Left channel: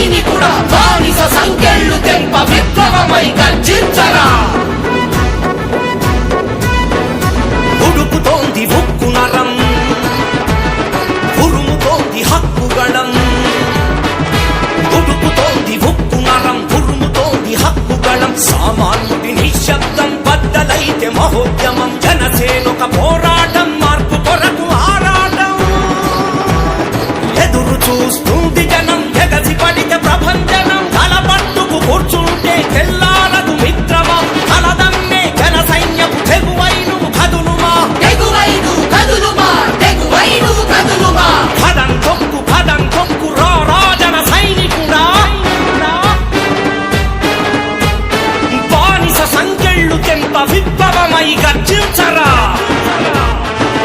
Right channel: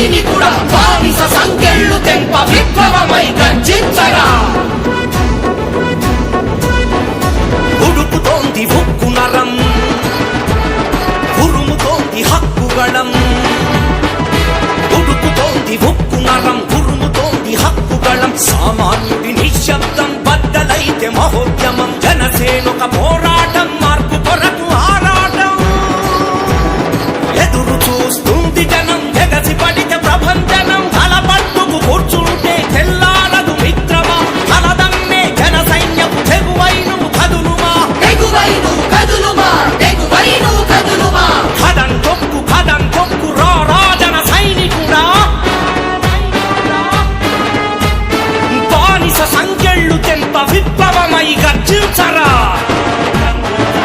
సైనికుడా బానిస సంకెళ్ళు తెంప విప్లవమై గర్జించరా. ఉడుకుతోంది ఉక్కు నరం, ఉరుముతోంది హక్కుగళం. ఉడుకుతోంది ఉక్కు నరం, ఉరుముతోంది హక్కుగళం. సామాన్యుడి నిశ్శబ్దం బద్దలైతే మహోద్యమం. జనసేనొక పోరాటం, మార్పు కొరకు ఆరాటం. ఎదురు చూస్తుంది జనం, ఎగసి పడితే ప్రభంజనం. తలపట్టుకు కూర్చుంటే తెల్లారదు మిత్రమా. తలదన్నే జన సైన్యపు తెగువై నువ్వు కదులుమా. కదం తొక్కు రా జన సైనికుడా. బానిస సంకెళ్ళు తెంప విప్లవమై గర్జించరా.